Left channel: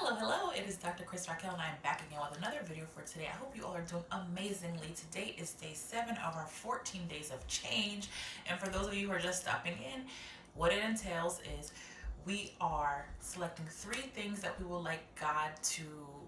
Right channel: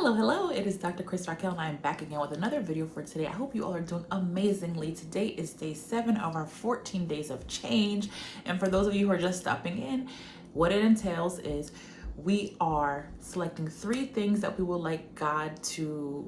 Hello, it is Dr. Askkrystalracquel and I am back again with another video for today. I hope you all are doing amazingly. Today is day 7 of our 14 days of change. And for those of you who are just stopping in, what it entails is we are selecting 3 things that we would like God to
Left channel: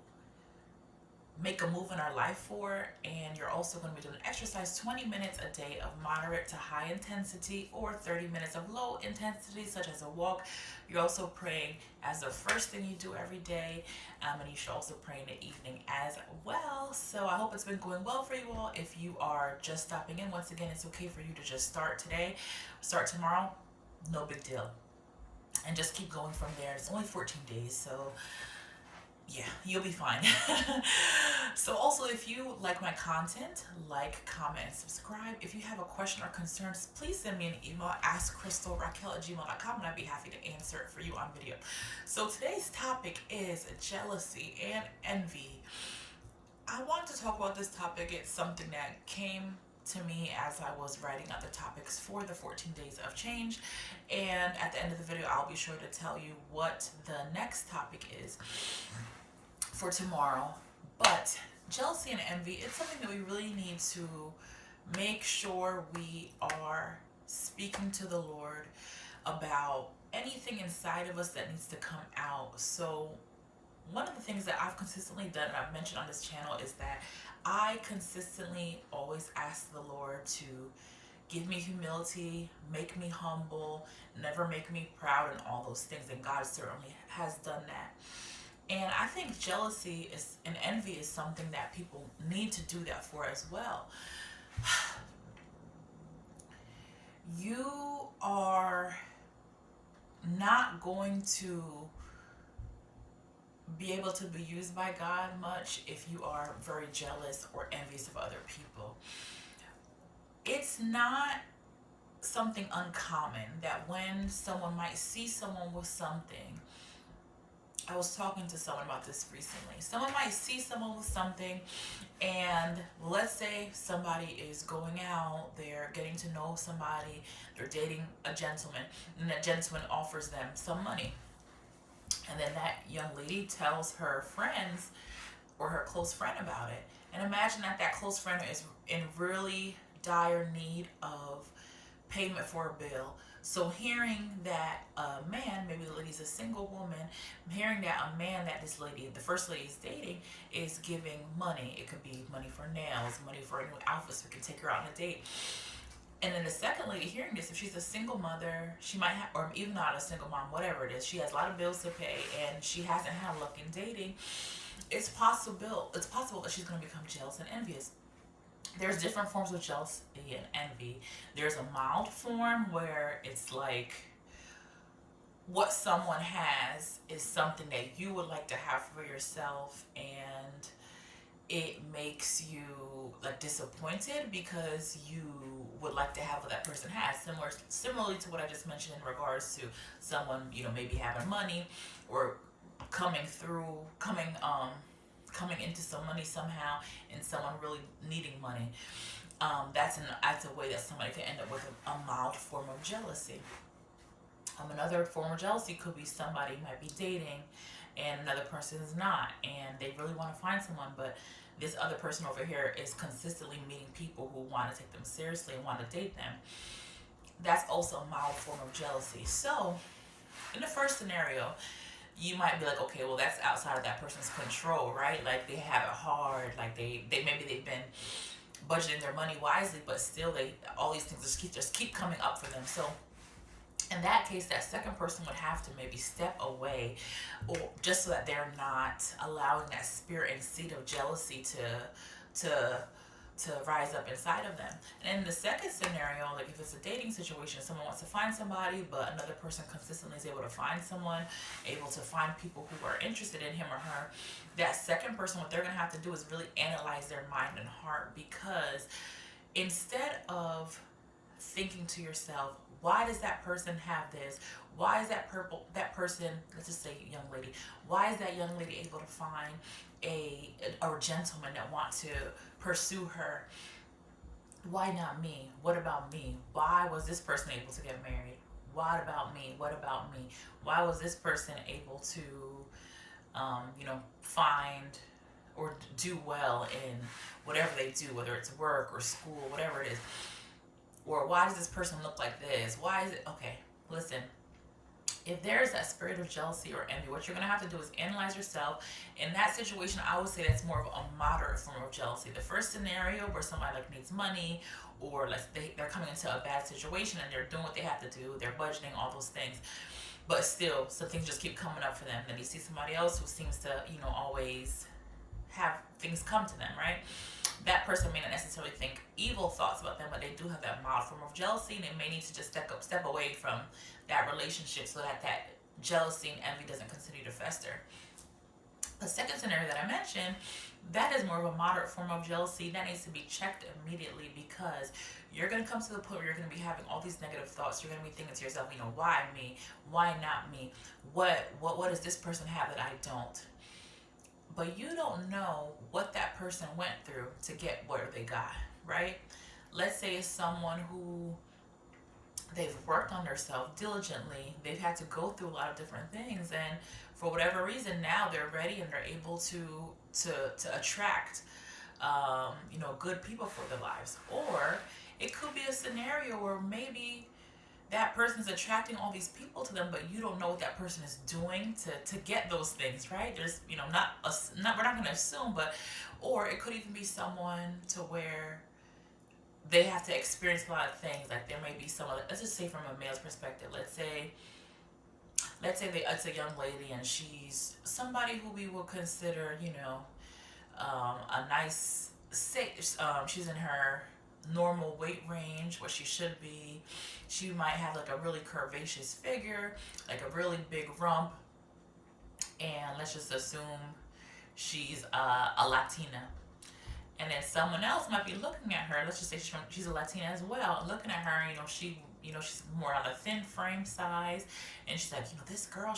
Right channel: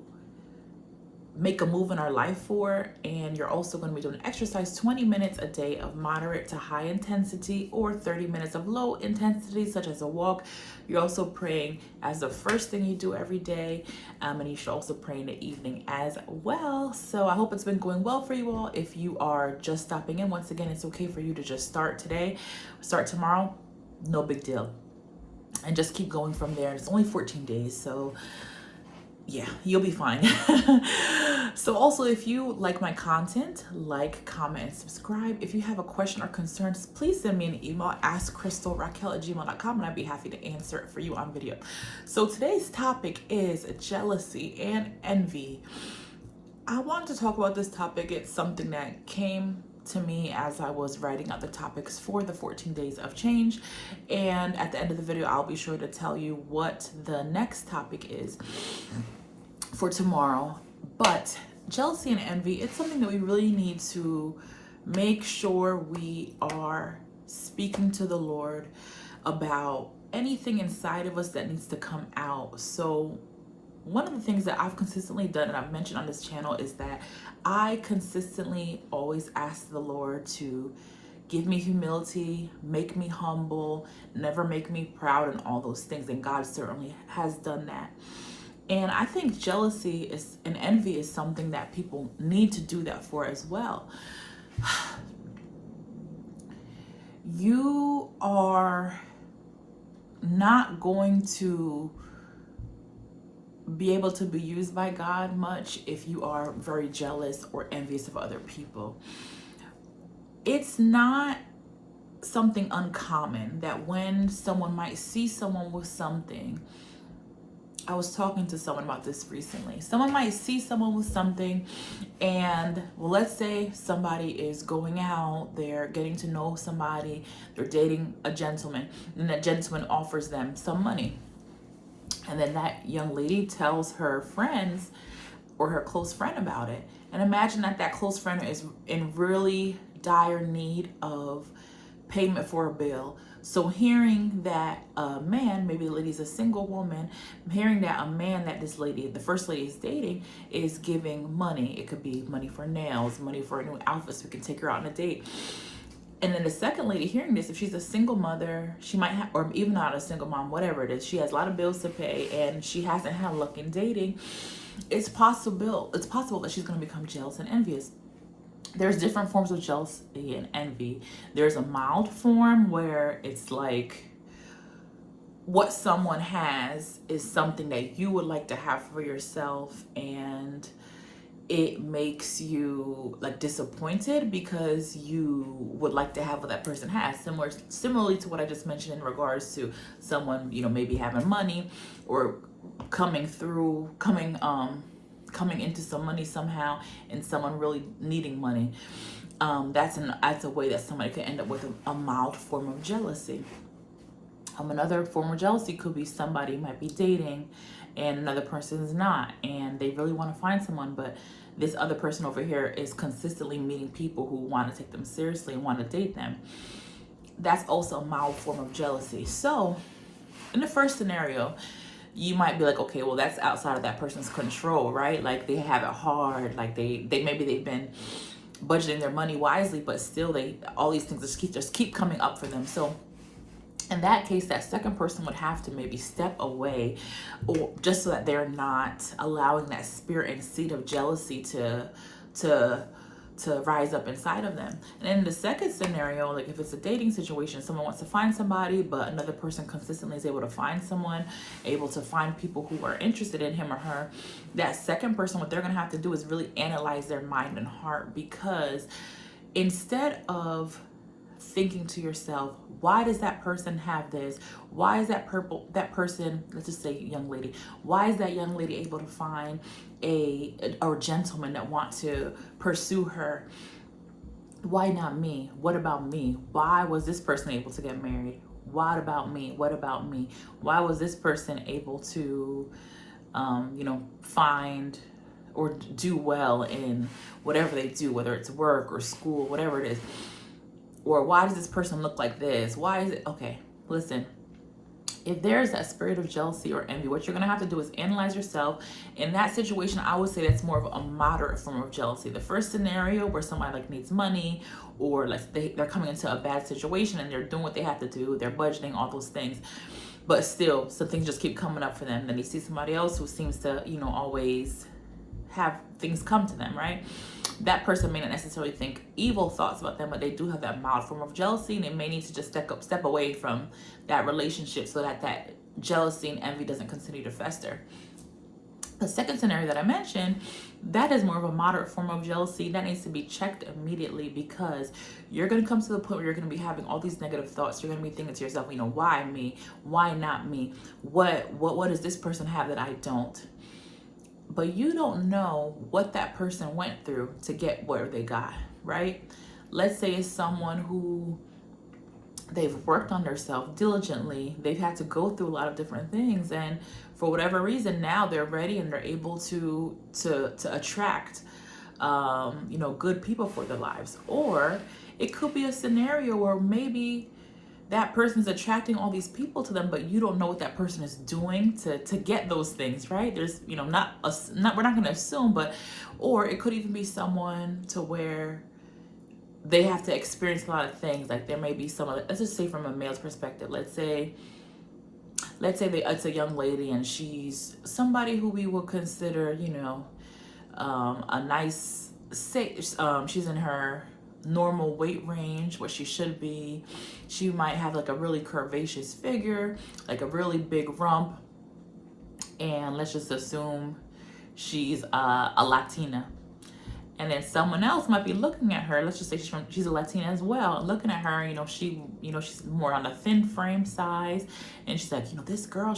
make a move in our life for, and you're also going to be doing exercise 20 minutes a day of moderate to high intensity or 30 minutes of low intensity such as a walk. You're also praying as the first thing you do every day, and you should also pray in the evening as well. So I hope it's been going well for you all. If you are just stopping in, once again, it's okay for you to just start today, start tomorrow, no big deal, and just keep going from there. It's only 14 days, so yeah, you'll be fine. So also, if you like my content, like, comment, and subscribe. If you have a question or concerns, please send me an email, askkrystalracquel@gmail.com, and I'd be happy to answer it for you on video. So today's topic is jealousy and envy. I wanted to talk about this topic. It's something that came to me as I was writing out the topics for the 14 days of change, and at the end of the video I'll be sure to tell you what the next topic is for tomorrow. But jealousy and envy, it's something that we really need to make sure we are speaking to the Lord about anything inside of us that needs to come out. So one of the things that I've consistently done, and I've mentioned on this channel, is that I consistently always ask the Lord to give me humility, make me humble, never make me proud, and all those things. And God certainly has done that. And I think jealousy and envy is something that people need to do that for as well. You are not going to be able to be used by God much if you are very jealous or envious of other people. It's not something uncommon that when someone might see someone with something, I was talking to someone about this recently. Someone might see someone with something, and well, let's say somebody is going out, they're getting to know somebody, they're dating a gentleman, and that gentleman offers them some money. And then that young lady tells her friends or her close friend about it. And imagine that close friend is in really dire need of payment for a bill. So hearing that a man, maybe the lady's a single woman, hearing that a man that this lady, the first lady is dating, is giving money. It could be money for nails, money for a new outfit so we can take her out on a date. And then the second lady hearing this, if she's a single mother, she might have, or even not a single mom, whatever it is, she has a lot of bills to pay and she hasn't had luck in dating. It's possible that she's going to become jealous and envious. There's different forms of jealousy and envy. There's a mild form where it's like what someone has is something that you would like to have for yourself, and it makes you like disappointed because you would like to have what that person has. Similarly to what I just mentioned in regards to someone, maybe having money or coming into some money somehow, and someone really needing money. That's a way that somebody could end up with a mild form of jealousy. Another form of jealousy could be somebody might be dating and another person is not, and they really want to find someone, but this other person over here is consistently meeting people who want to take them seriously and want to date them. That's also a mild form of jealousy. So in the first scenario, you might be like, okay, well, that's outside of that person's control, right? Like they have it hard, like they maybe they've been budgeting their money wisely, but still all these things just keep coming up for them. So in that case, that second person would have to maybe step away, or just so that they're not allowing that spirit and seed of jealousy to rise up inside of them. And in the second scenario, like if it's a dating situation, someone wants to find somebody, but another person consistently is able to find someone, able to find people who are interested in him or her, that second person, what they're going to have to do is really analyze their mind and heart, because instead of thinking to yourself, why does that person have this? Why is that person, let's just say young lady, why is that young lady able to find a gentleman that want to pursue her? Why not me? What about me? Why was this person able to get married? What about me? What about me? Why was this person able to find or do well in whatever they do, whether it's work or school, whatever it is. Or why does this person look like this? Why is it? Okay, listen. If there's that spirit of jealousy or envy, what you're going to have to do is analyze yourself. In that situation, I would say that's more of a moderate form of jealousy. The first scenario where somebody like needs money, or like they're coming into a bad situation and they're doing what they have to do, they're budgeting, all those things, but still some things just keep coming up for them. Then you see somebody else who seems to, always have things come to them, right? That person may not necessarily think evil thoughts about them, but they do have that mild form of jealousy, and they may need to just step away from that relationship so that that jealousy and envy doesn't continue to fester. The second scenario that I mentioned, that is more of a moderate form of jealousy. That needs to be checked immediately, because you're going to come to the point where you're going to be having all these negative thoughts. You're going to be thinking to yourself, why me? Why not me? What does this person have that I don't? But you don't know what that person went through to get where they got, right? Let's say it's someone who they've worked on themselves diligently. They've had to go through a lot of different things, and for whatever reason, now they're ready and they're able to attract, good people for their lives. Or it could be a scenario where maybe that person's attracting all these people to them, but you don't know what that person is doing to get those things, right? There's, we're not going to assume, or it could even be someone to where they have to experience a lot of things. Like there may be someone, let's just say from a male's perspective, let's say it's a young lady and she's somebody who we would consider, a nice, she's in her normal weight range, what she should be. She might have like a really curvaceous figure, like a really big rump, and let's just assume she's a Latina. And then someone else might be looking at her. Let's just say she's a Latina as well. Looking at her, she's more on the thin frame size, and she's like, this girl,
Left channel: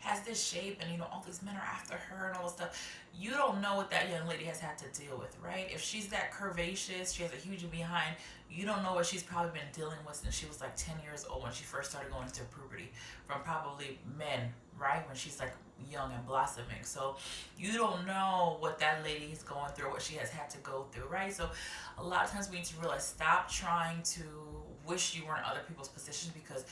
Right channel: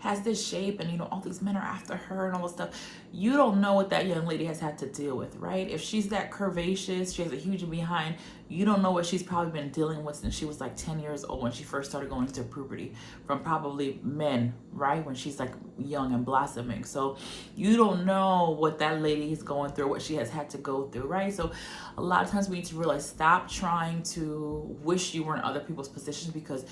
has this shape, and all these men are after her and all this stuff. You don't know what that young lady has had to deal with, right? If she's that curvaceous, she has a huge behind. You don't know what she's probably been dealing with since she was like 10 years old, when she first started going into puberty, from probably men, right? When she's like young and blossoming. So you don't know what that lady is going through, what she has had to go through, right? So a lot of times we need to realize, stop trying to wish you were in other people's positions, because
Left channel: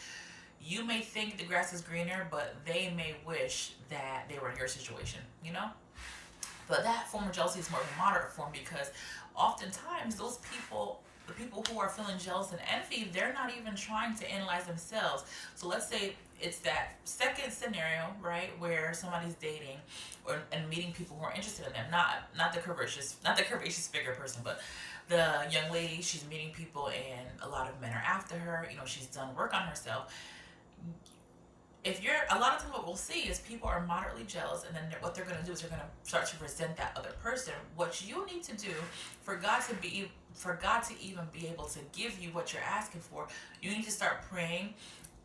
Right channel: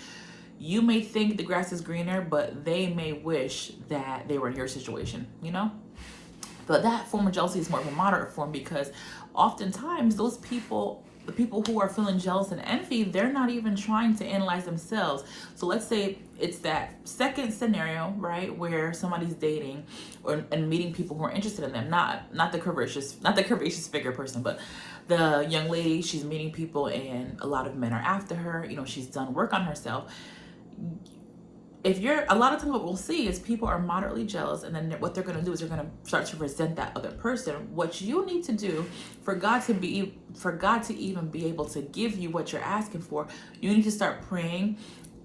you may think the grass is greener, but they may wish that they were in your situation, But that form of jealousy is more of a moderate form, because oftentimes the people who are feeling jealous and envy, they're not even trying to analyze themselves. So let's say it's that second scenario, right, where somebody's dating and meeting people who are interested in them, not the curvaceous figure person, but the young lady, she's meeting people and a lot of men are after her. She's done work on herself. A lot of times what we'll see is people are moderately jealous, and then what they're going to do is they're going to start to resent that other person. What you need to do for God to even be able to give you what you're asking for, you need to start praying.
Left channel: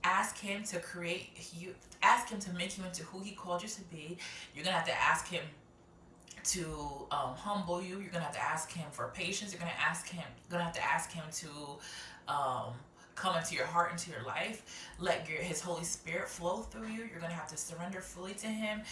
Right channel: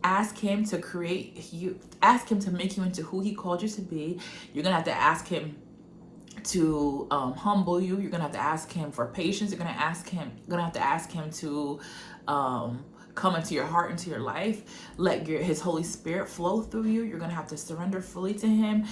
Ask him to create you, ask him to make you into who he called you to be. You're going to have to ask him to humble you. You're going to have to ask him for patience. You're going to have to ask him to come into your heart, into your life. Let his Holy Spirit flow through you. You're going to have to surrender fully to him.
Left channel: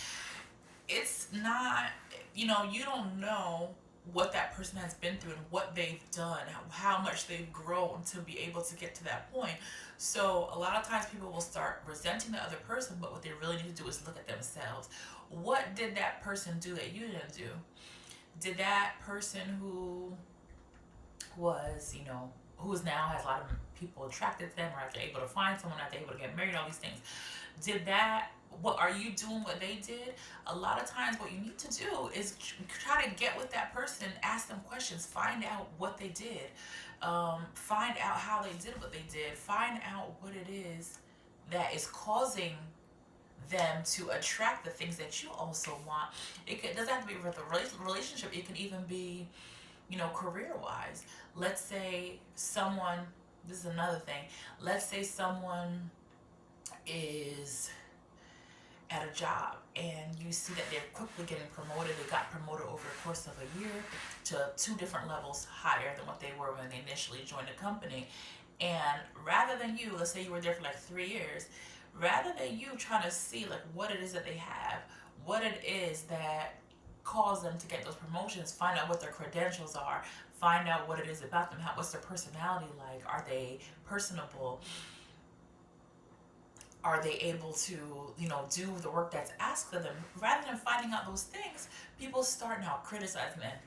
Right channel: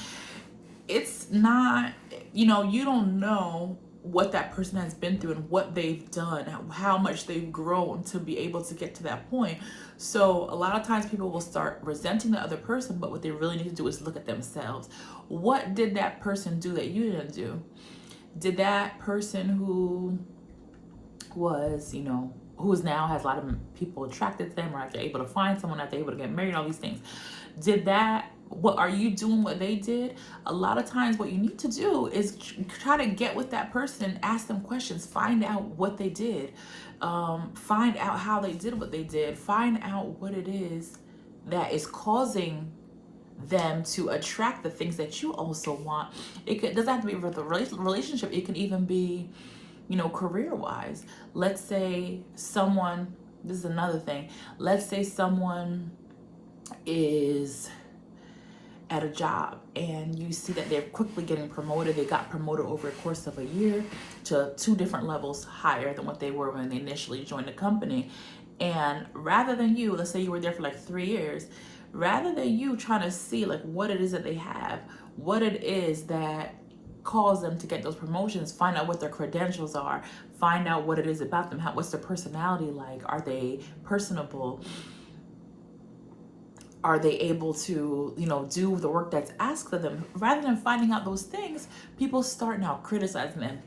It's not, you don't know what that person has been through and what they've done, how much they've grown to be able to get to that point. So a lot of times people will start resenting the other person, but what they really need to do is look at themselves. What did that person do that you didn't do? Did that person who was, who's now has a lot of people attracted to them, or if they're able to find someone, if they're able to get married, all these things, what are you doing what they did? A lot of times what you need to do is try to get with that person, ask them questions, find out what they did, find out how they did what they did, find out what it is that is causing them to attract the things that you also want. It doesn't have to be with a relationship. It can even be, career-wise. Let's say someone, this is another thing, let's say someone is at a job and you see that they're quickly getting promoted. They got promoted over the course of a year to 2 different levels higher than what they were when they initially joined the company. And rather than let's say you were there for like 3 years, rather than you trying to see like what it is that they have, what it is that calls them to get those promotions, find out what their credentials are, find out what it is about them, what's their personality like, are they personable, are they able to, do the work that's asked of them. Rather than finding out those things, people start now criticizing them.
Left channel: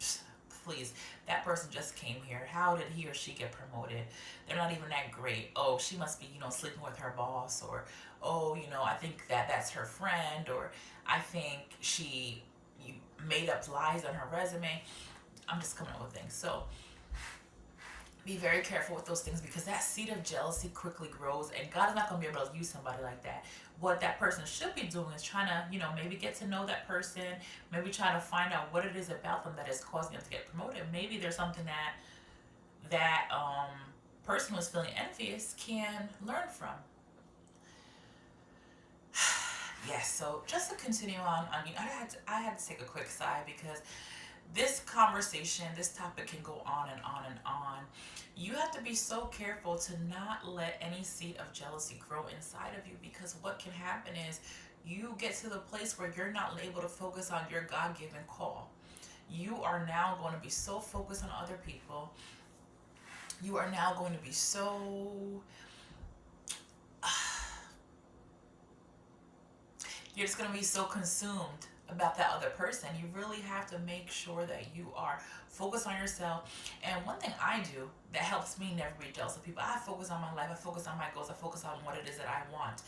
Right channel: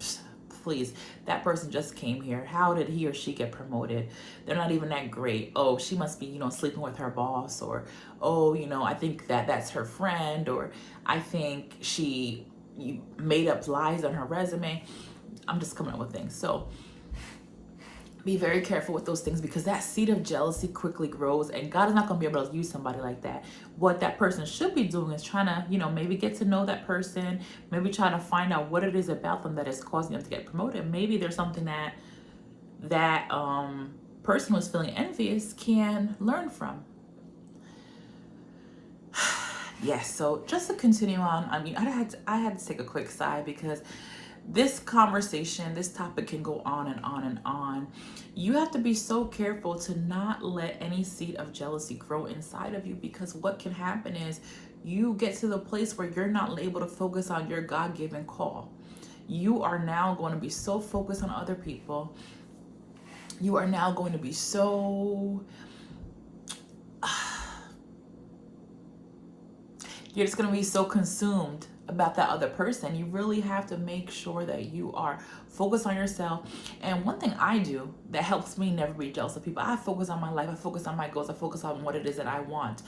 Please, that person just came here. How did he or she get promoted? They're not even that great. Oh, she must be, sleeping with her boss. Or, oh, I think that's her friend. Or I think she made up lies on her resume. I'm just coming up with things. So be very careful with those things, because that seed of jealousy quickly grows, and God is not going to be able to use somebody like that. What that person should be doing is trying to, maybe get to know that person, maybe trying to find out what it is about them that is causing them to get promoted. Maybe there's something that person who's feeling envious can learn from. Yes, so just to continue on, I had to take a quick sigh, because this conversation, this topic can go on and on and on. You have to be so careful to not let any seed of jealousy grow inside of you, because what can happen is you get to the place where you're not able to focus on your God-given call. You are now going to be so focused on other people. You are now going to be so... You're just going to be so consumed about that other person. You really have to make sure that you are focused on yourself. And one thing I do that helps me never be jealous of people, I focus on my life, I focus on my goals, I focus on what it is that I want.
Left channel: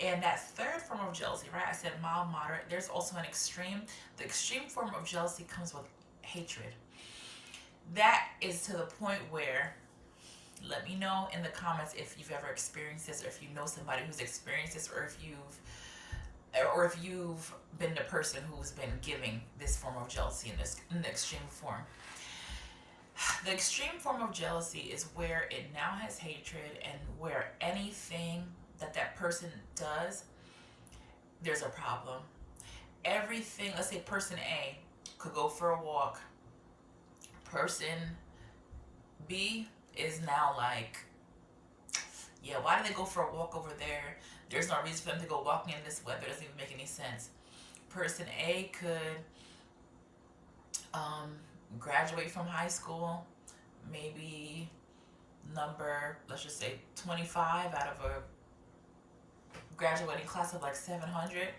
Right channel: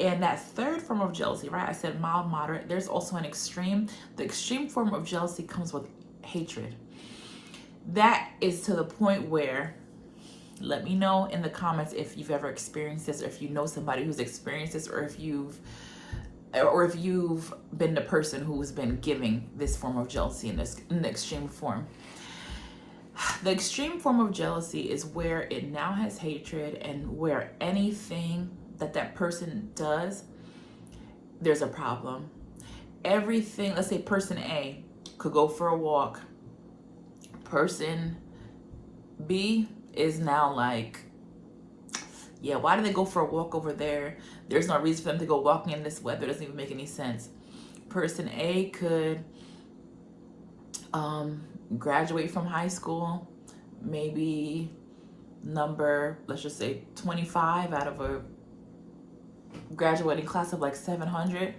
And that third form of jealousy, right? I said mild, moderate. There's also an extreme. The extreme form of jealousy comes with hatred. That is to the point where, let me know in the comments if you've ever experienced this, or if you know somebody who's experienced this, or if you've been the person who's been giving this form of jealousy in the extreme form. The extreme form of jealousy is where it now has hatred, and where anything that person does, there's a problem. Everything, let's say person A could go for a walk. Person B is now like, yeah, why do they go for a walk over there? There's no reason for them to go walking in this weather. It doesn't even make any sense. Person A could graduate from high school, maybe number, let's just say 25 out of a graduating class of like 700.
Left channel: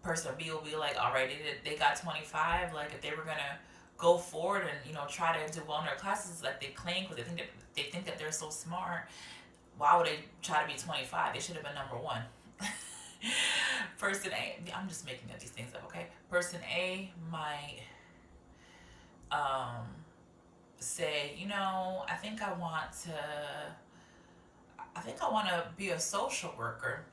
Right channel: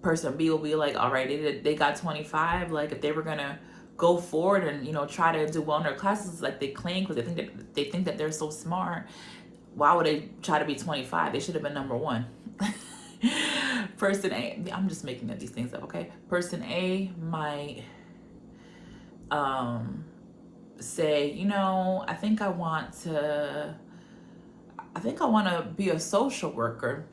Person B will be like, all right, they got 25. Like, if they were gonna go forward and try to do well in their classes like they claim, because they think that they're so smart, why would they try to be 25? They should have been number one. Person A, I'm just making up these things up, okay? Person A might say, I think I want to be a social worker.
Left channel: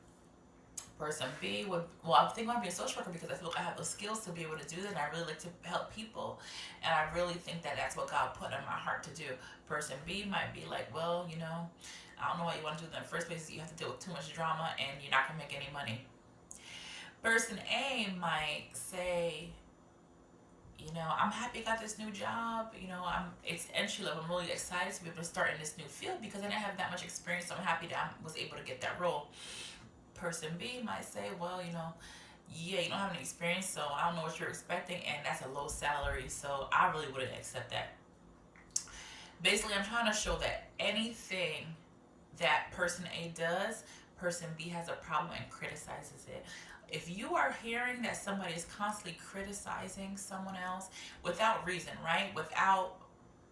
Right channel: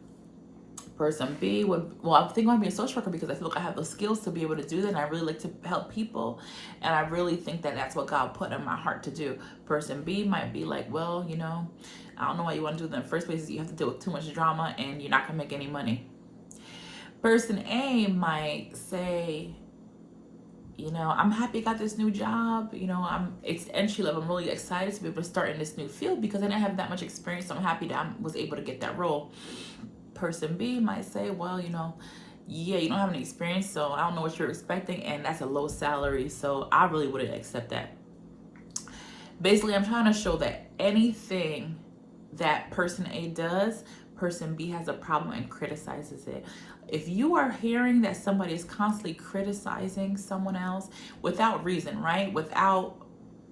Person B would, I think I want to be a social worker because I feel like I have the skills to be able to do that, and I really like to help people, and I really think that that's what God put in my heart to do. Person B might be like, well, I don't know why you want to do that in the first place. You have to deal with too much drama, and you're not going to make any money. Person A might say, I'm happy I got this new job. It's entry level. I'm really excited to be able to start in this new field because I didn't have that much experience. So I'm happy that I was able to get that role. Person B might say, well, yeah, you don't have any experience, so I don't know what you're expecting, and that's a low salary, so I really wouldn't accept that. Basically, I'm trying to show that anything that person A does, person B has a problem and criticizes it. If you are hearing that somebody is constantly criticizing someone else without reason, right?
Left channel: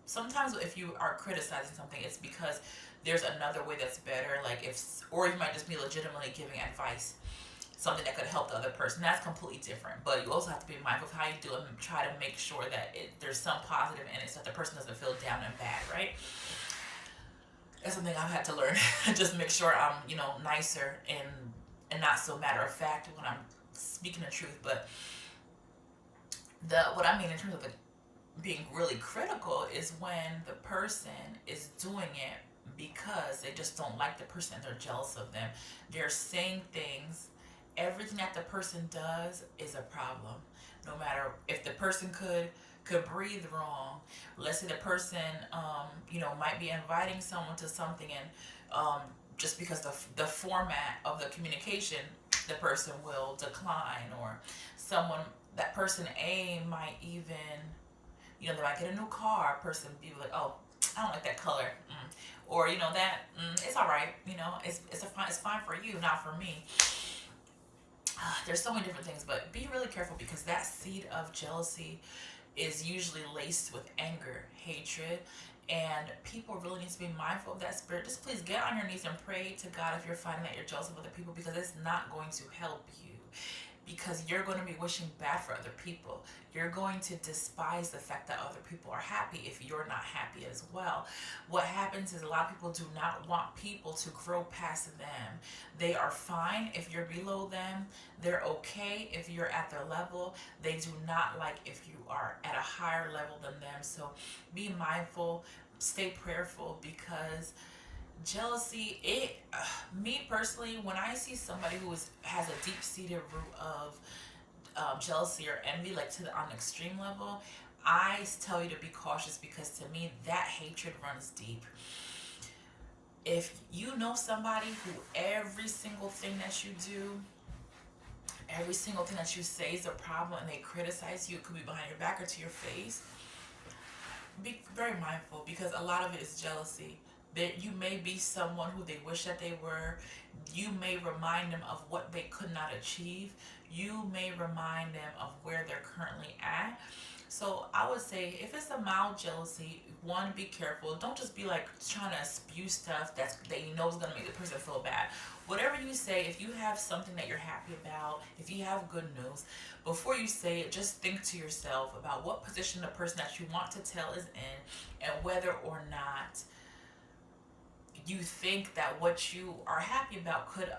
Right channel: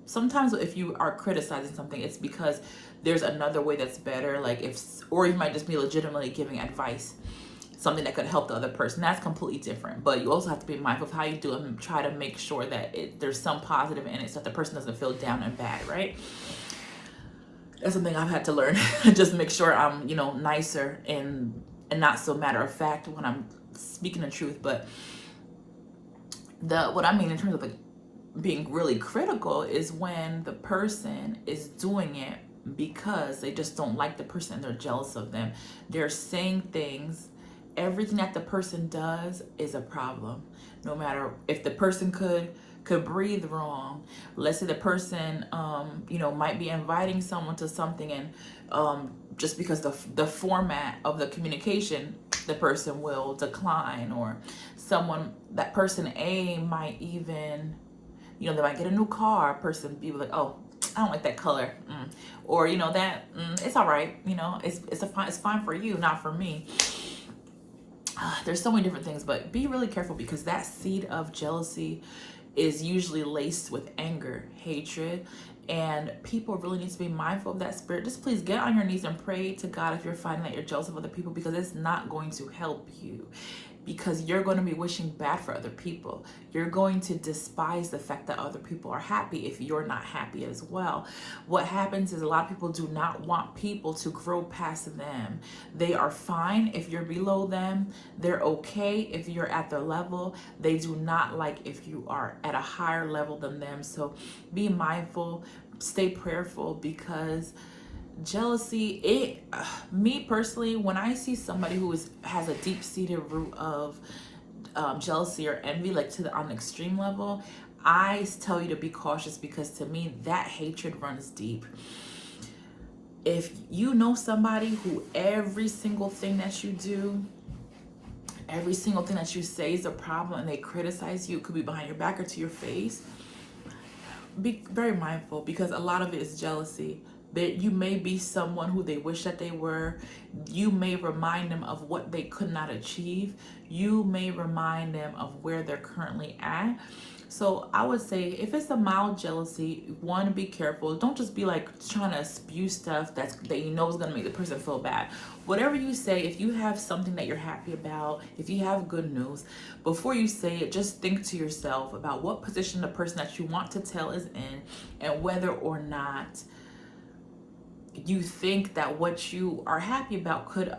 Sometimes if you are criticizing something, it's because there's another way that's better, or you might just be legitimately giving advice, something that could help the other person. That's completely different. But you also have to be mindful of how you do it and try to make sure that there's some positive in it so that the person doesn't feel down and bad, right? That's something I've had to learn. Just make sure I'm, nicer and not so matter of fact when I'm speaking the truth. But what I mean in terms of being really critical is when the person is doing it because they just don't like the person and they're jealous of them. They're saying things. Everything that the person does is a problem. No matter if the person could could breathe wrong. Let's say the person, you know, might be inviting someone to something, and just because the format of the communication, the person will decline. Or that person A might even, you know, they might get a new car. Person B will be like, oh, I don't like that color. Or, you know, that it's all right. You know, it's fine for you, not for me. There's so many different things, but be really careful, because that seed of jealousy is usually laced with anger, hatred, and people really need to be mindful of that spirit. Just please get on your knees and pray to God if you're finding that you're jealous of other people, because it's not going to help you. Because you're going to be wishing bad for other people. You're going to despise the fact that other people are happy if you're not happy as well. What happens is a lot of people do not want people to grow past them. They are fine if you're below them. They're okay if you're at their level. They do not like if you are at a higher level than them. So be mindful, stay prayerful, because jealousy, me personally, when I see somebody who has a deep-seated root of jealousy or envy, like on the extreme level, I tell you to be cautious, because to me that hatred runs deep. If you know somebody who every single thing that you do, every single thing that you say is a problem, and they criticize you, it could be behind your back or to your face, be very mindful, because a lot of it is jealousy. That you may be someone who they wish that they were. You may remind them of what they could not achieve. You may remind them of where they're currently at. So I would say, if it's a mild jealousy, one, be careful. Don't just be like trying to spew stuff that you know is going to make the person feel bad. Whatever you say, if you have something that you're happy about, if you have good news, before you say it, just think to yourself about what position the person that you want to tell is in, and whether or not you think that what you are happy about could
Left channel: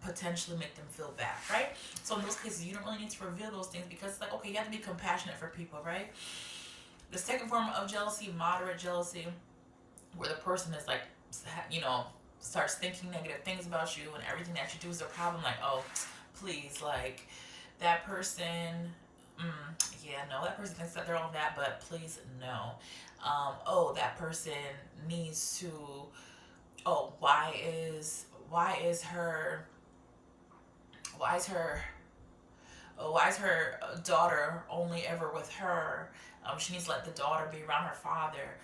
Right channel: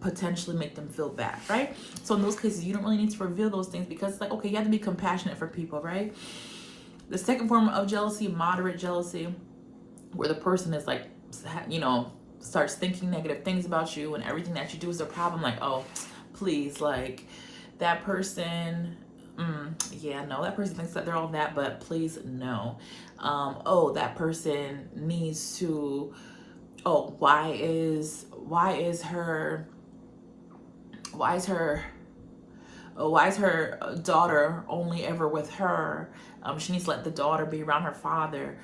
potentially make them feel bad, right? So in those cases, you don't really need to reveal those things, because it's like, okay, you have to be compassionate for people, right? The second form of jealousy, moderate jealousy, where the person is like, you know, starts thinking negative things about you, and everything that you do is a problem. Like, oh, please, like that person, yeah, no, that person thinks that they're all that, but please, no. Oh, that person needs to, oh, why is her daughter only ever with her? She needs to let the daughter be around her father.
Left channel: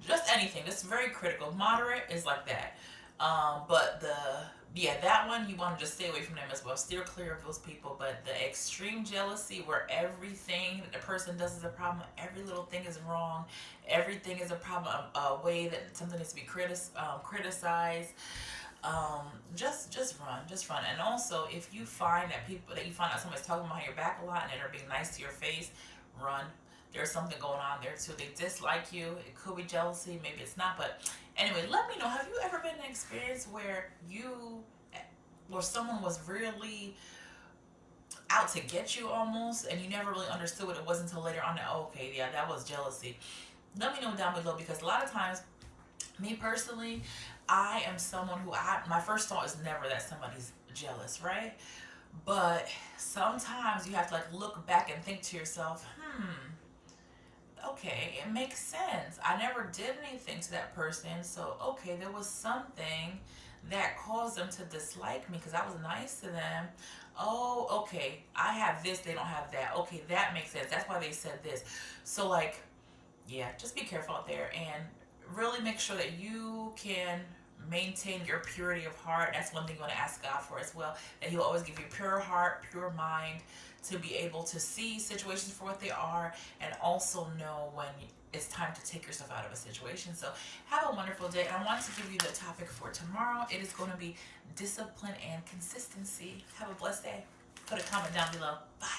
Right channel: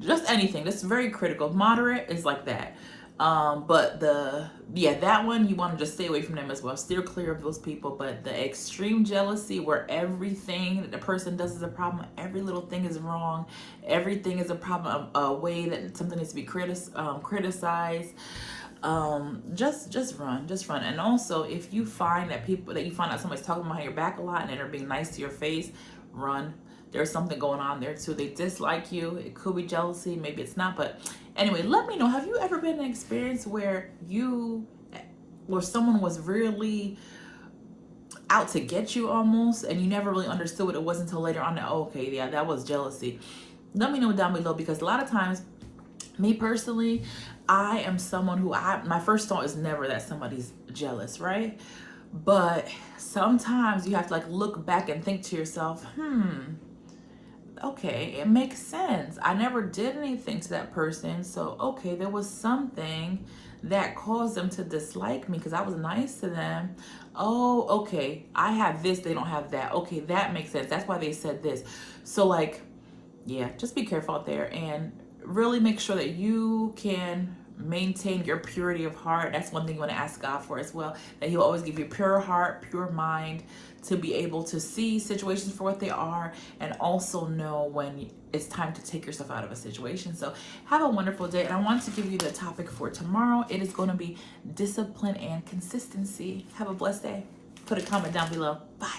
Just anything. That's very critical. Moderate is like that. But that one, you want to just stay away from them as well. Steer clear of those people. But the extreme jealousy, where everything that the person does is a problem, every little thing is wrong, everything is a problem, a way that something needs to be criticized. Just run. And also, if you find that somebody's talking behind your back a lot and they're being nice to your face, run. There's something going on there too. They dislike you. It could be jealousy, maybe it's not. But anyway, let me know, have you ever been in an experience where someone was really out to get you almost, and you never really understood what it was until later on that, oh, okay, yeah, that was jealousy? Let me know down below, because a lot of times, me personally, I am someone who my first thought is never that somebody's jealous, right? But sometimes you have to like look back and think to yourself, okay, it makes sense. I never did anything to that person, so okay, there was something that caused them to dislike me because I was nice to them. Oh, okay, I have this, they don't have that. Okay, that makes sense. That's why they said this. So like, yeah, just be careful out there and really make sure that you can maintain your purity of heart. That's one thing you want to ask God for as well, that He'll always give you a pure heart, pure mind, to be able to see situations for what they are, and also know when it's time to take yourself out of a situation. So have a wonderful day, and I want to give you the topic for tomorrow. It is going to be discipline and consistency. Have a blessed day. Put a comment down below. Bye.